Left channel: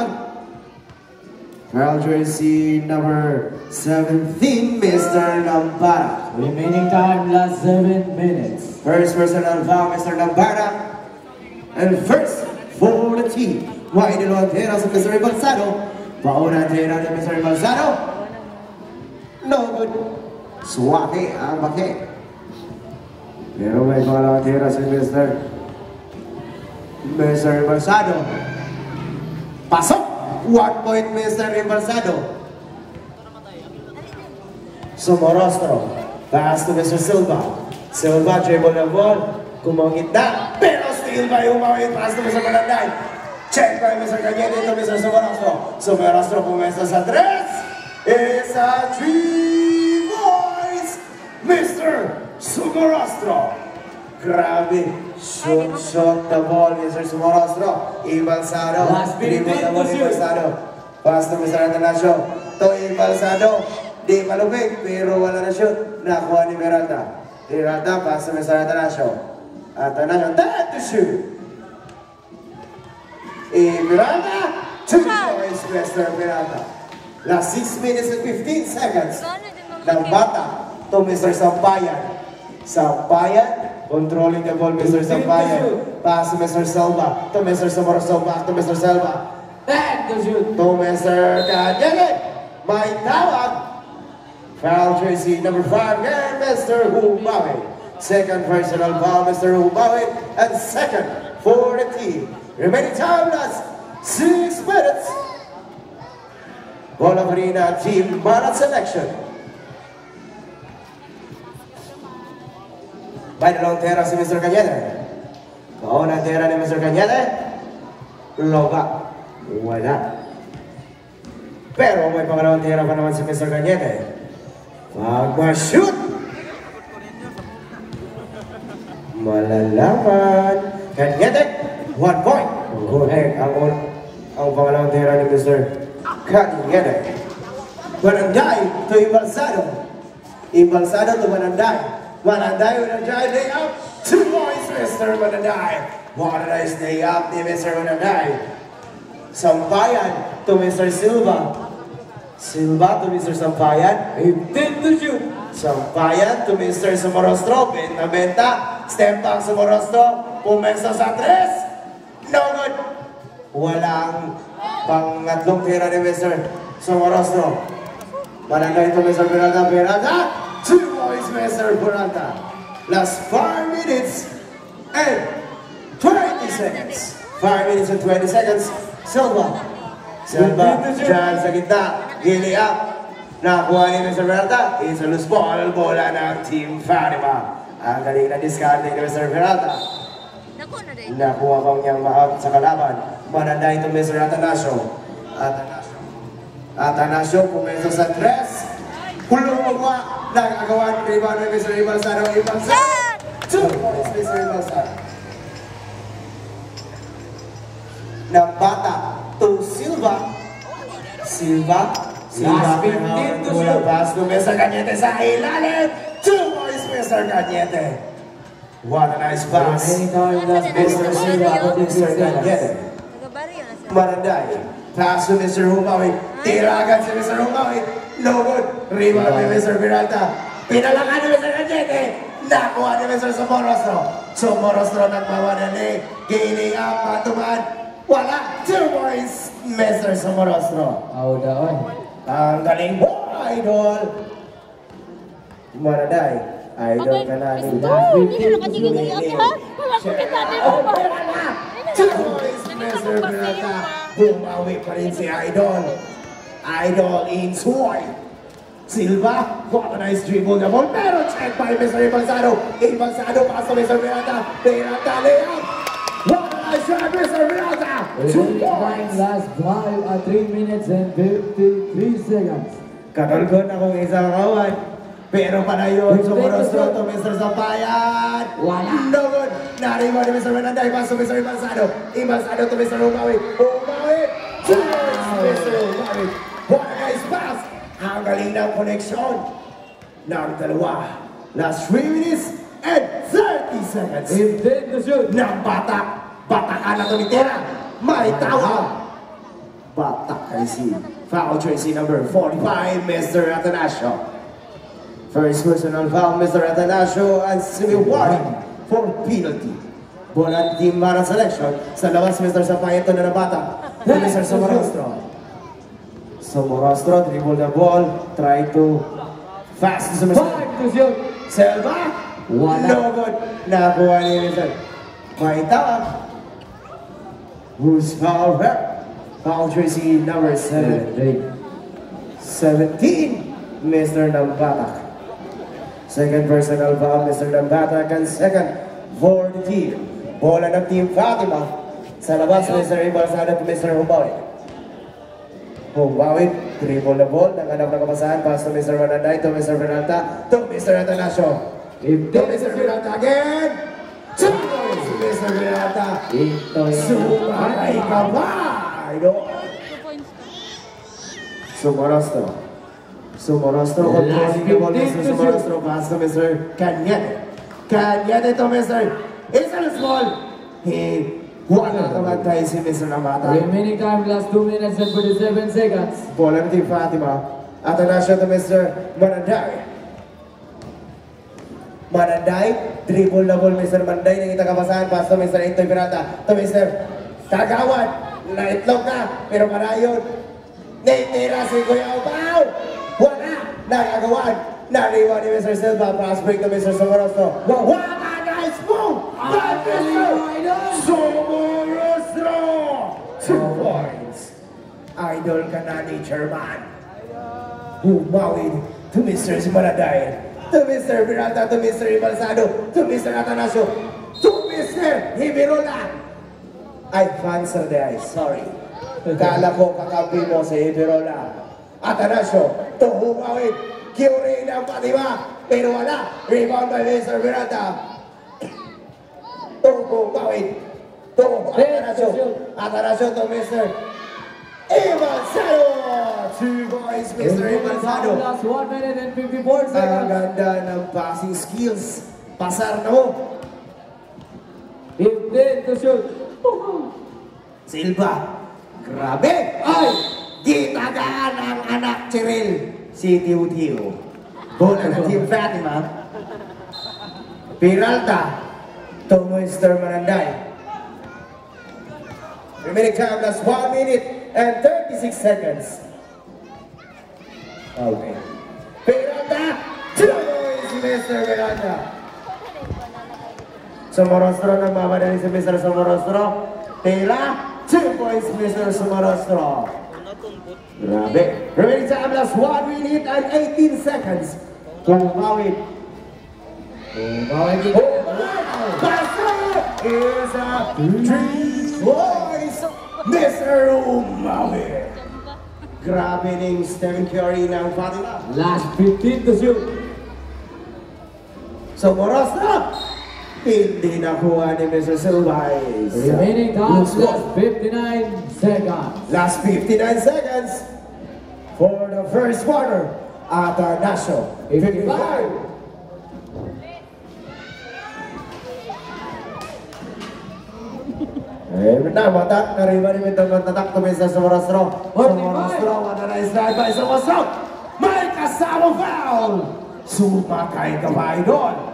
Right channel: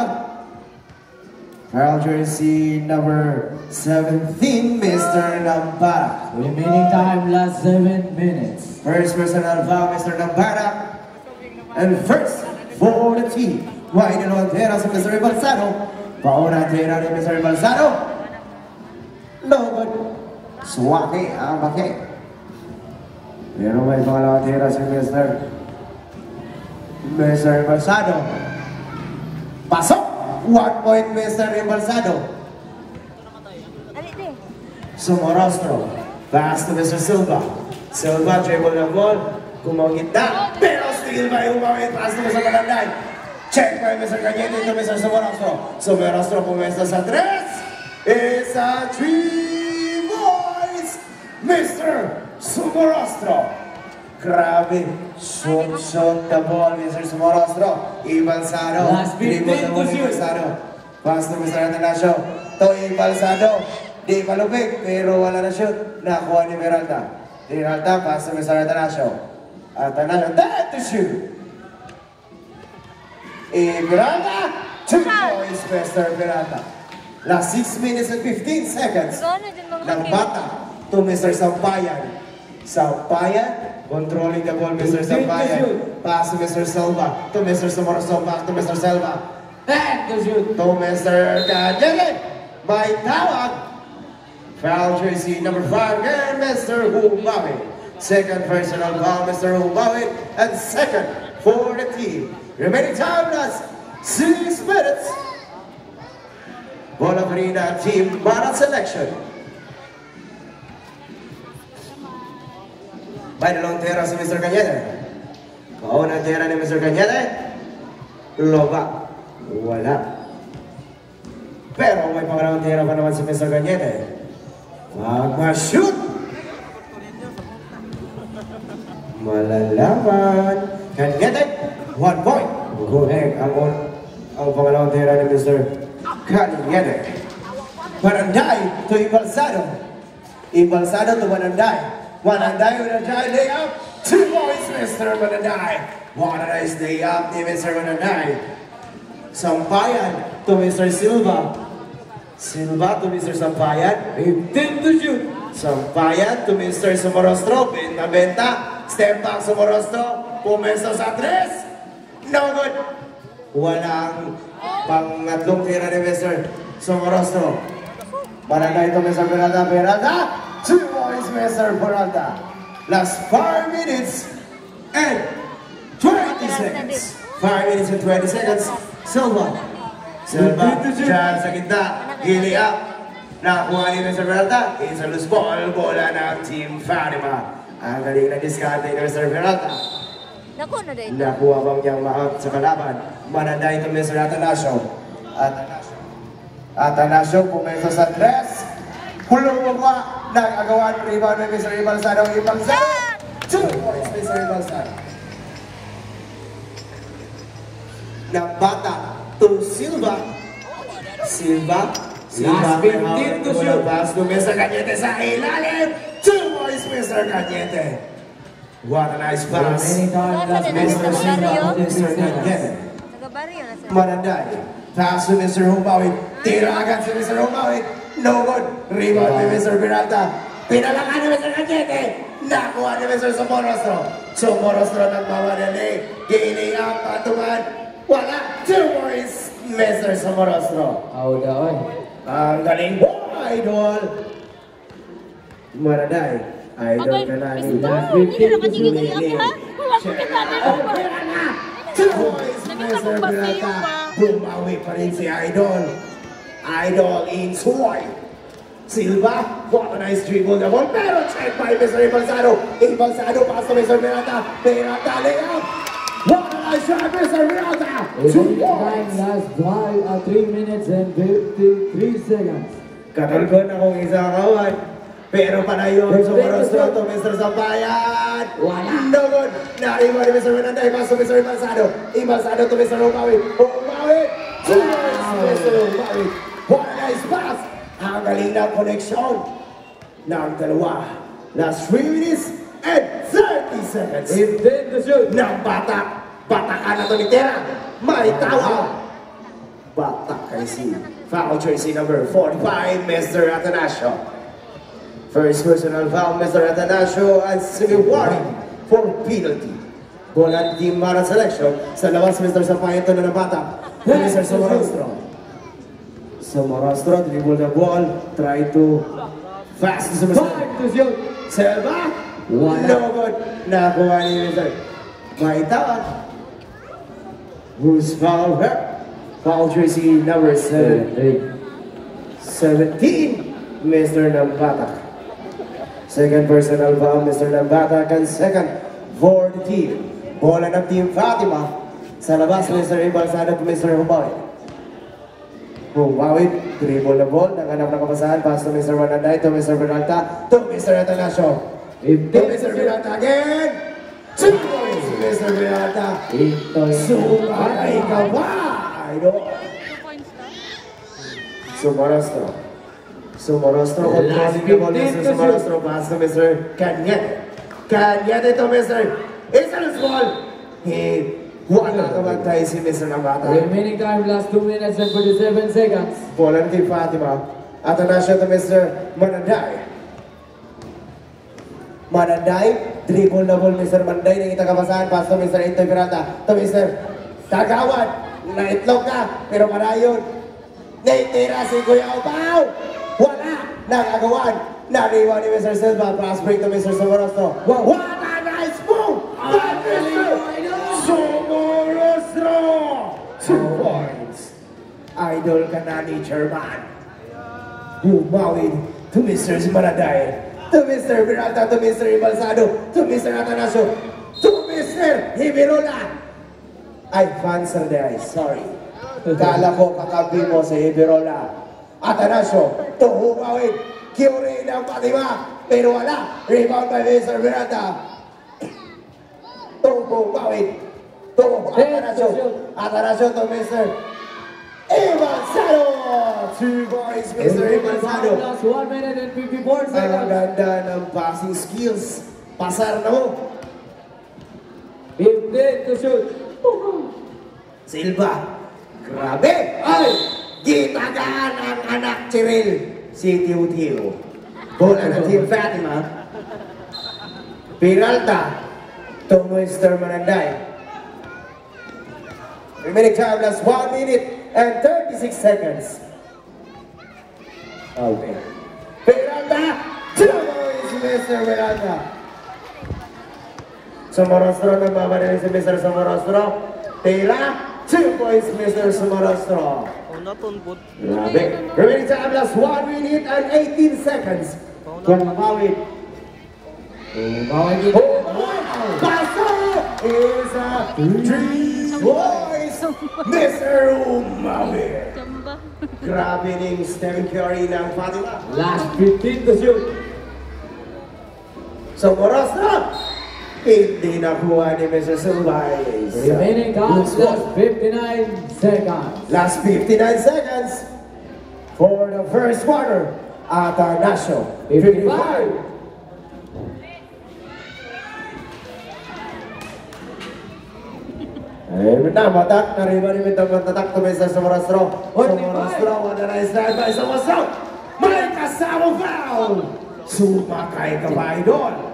tawag. Foul jersey number 17, Mr. Lambara. Remaining time, last 7 minutes. First personal foul, Mr. Lambara. And first for the team. Wide delantera si Mr. Balsado. Paunantera ni Mr. Balsado. No good. Swaki ang baki. Pero may pangalawantera si Mr. Balsado. Pasok! 1 point, Mr. Balsado. Sumorostro. Pass to Mr. Silva. Silva, dribble ng ball. Kumangit na. Pero still by umawit. Pass to Mr. Malanday. Check by Mr. Cañete to Mr. Sumorostro. Sumorostro pumesta sa 3. It's a 3 points. Mr. Sumorostro. Grabe. Shot the ball, Mr. Sumorostro. Balsado. Dribble the ball, Balsado. Pass to Mr. Atanasio. To Balsado. Di malupit, pero wala na shoot. Nakuha ni Peralta. Peralta, pass to Mr. Atanasio. Atanasio, that to shoot. Peralta. 2 points, Mr. Peralta. Last 6 minutes and 15 seconds. Ng bata to Mr. Sampayan. Sampayan. Controlling the ball, Mr. Sampayan. Pass to Mr. Silva. To Mr. Sumorostro. Back to Mr. Silva. Back to shoot. To Mr. Cañete. May tawag. Foul jersey number 5, and Mr. Hubawi. Second personal foul, Mr. Hubawi. And second for the team. Remaining time, last 6 minutes. Bola Marina team, Barat selection. By the long tera si Mr. Cañete. Pauna tera ni Mr. Cañete. Loba. Wala. Pero may pangalawang tera pa naman si Mr. Cañete. Mag-shoot! Malalaman. Cañete. 1 point. Correct. Ang pangalawang tera ni Mr. Cañete. Mananday to Balsado. Balsado to Mananday. Mananday with a giant day up. 2 points, Mr. Mananday. What a nice day up ni Mr. Mananday. Sampayan to Mr. Silva. Silva to Mr. Sampayan. 15 to shoot. Sampayan to Mr. Sumorostro. Benta. Step back Sumorostro. Pumesta sa 3. No good. Walang pangatlong tira ni Mr. Sumorostro. Mananday to Mr. Peralta. Peralta. 2 points, Mr. Peralta. Last 5 minutes and 20 seconds. 5 minutes and 20 seconds. Silva. Silva. Diyan sa gitna. Gili up. Nakuha ni Mr. Peralta. Isa loose ball. Bola ng Team Fatima. Ang galing na discarding ni Mr. Peralta. Nakuha bang niyang ma-out sa kalaban. Mananday ito Mr. Atanasio. Atanasio pumeso sa 3. Pulong magwa. Nagagawa ng rebound ni Mr. Balsado. Balsado. 2 points, Mr. Balsado. Ng bata to Silva. Silva. Last 15 to shoot. Pass to Mr. Cañete sa ilalim. 2 points, Mr. Cañete. What a nice pass. Mr. Silva to Mr. Cañete. Mananday. Pass to Mr. Hubawi. Tira agad si Mr. Hubawi. No good. Rebound ni Mr. Peralta. Pinalangan ni Mr. Cañete. Nakuha ni Mr. Sumorostro. Sumorostro nagbawa na ni. Gaining up. Patungan. Wala. 2 points. Mr. Sumorostro. Ang galing mo, idol. Mananday. Idol ka na. Hindi na kasi Mr. Peralta. Bumawi pa rin si Idol. Idol in sword. Silva, what a nice dribble the ball. Pero check by Mr. Balsado. Balsado pass to Mr. Peralta. Peralta layup. What a nice shot, Mr. Peralta. 2 points. Last 3 minutes and 53 seconds. Katalkon akong isang kawan. Pero panayon Sumorostro to Mr. Sampayan. Wala. No good. Nariwa ni Mr. Mananday. Pass to Mr. Balsado. Balsado to Mr. Hubawi. Hubawi. 2 points, Mr. Hubawi. What a nice pass. Ang galing ng connection ng dalawa. Last 3 minutes and 30 seconds. Intend to shoot. Ng bata. Batakan na tumitira. May tawag. Batak kay si foul jersey number 45, Mr. Atanasio. First personal foul, Mr. Atanasio, and civil warning for penalty. Bola team para selection. Sa labas, Mr. Sapayeto na Batak. Mr. Somorostro. Somorostro, dribble the ball, try to fast to Mr. Selva. No good. Nakuha ni Mr. Maitawag. Who's foul her? Foul jersey number 17, Mr. Nambatak. Second personal foul, Mr. Nambatak, and second for the team. Bola ng Team Fatima. Sa labas, Mr. Ibalsado to Mr. Humawi. Humawi, dribble the ball, nanganap ng kapasahan, pass to Mr. Mananday, to Mr. Bernalta, to Mr. Atanasio. To Mr. Bernalta again! Two points to Mr. Bernalta. Sumay ka ba? Somorostro. Somorostro controlling the ball, Mr. Somorostro, pass to Mr. Cañete. Cañete to Mr. Israel's ball. Wala naman tayo si Mr. Nambatak. Remaining time, last 2 minutes and 47 seconds. Bola ng Team Fatima. Atanasio to Mr. Mananday. Mananday, dribble na ball Mr. Manday, nakita kapasahan, pass to Mr. Intoy Pirata, to Mr. Tagawan, naitlog ka, pero malayon. Naitira si Kuya Opao, wala, nakagawan, nariwan ni Mr. Silva, pass break to Mr. Somorostro. What a nice move by Mr. Somorostro! 2 points. Idol ka na ni Chairman. Humawid to Mr. Mananday. To Mr. Virata, to Mr. Ibalsado, to Mr. Atanasio, to Mr. Hibirola. Ay, fans of the ice, sorry. Kala ko kakampi mo si Hibirola. Atanasio, to Humawid, Kyuri ng Fatima, pero wala. Rebound by Mr. Virata. To Humawid, to Atanasio. Atanasio to Mr. Ibalsado. 2 points, Mr. Ibalsado. Last 1 minute and 54 seconds. Ang ganda ng passing skills. Pasar na mo. 15 to shoot. Silva. Grabe. Ay! Di tagaan ang anak Cheryl. Si Tiw-Tiw. Bola ng Team Fatima. Peralta. To Mr. Mananday. Remaining time, last 1 minute and 36 seconds. Okay. Peralta! 2 points, Mr. Peralta. Somorostro na babalik si Mr. Somorostro. Tela, 2 points, Mr. Somorostro. Grabe. Remaining time, last 1 minute and 18 seconds. Kumawit. Kumawit. Here's a 3 points, Mr. Umawit. Grabe ning Stephen Curry ng Fatima. Last 15 to shoot. Somorostro. Hindi nakuha ni Mr. Silvais. Remaining time, last 59 seconds. Last 59 seconds for the first quarter. Atanasio, 55. Batak, narinig ito tatak to Mr. Somorostro. Somorostro, wala na slide by Somorostro. May kasamang foul. Sumakay ka ba, idol?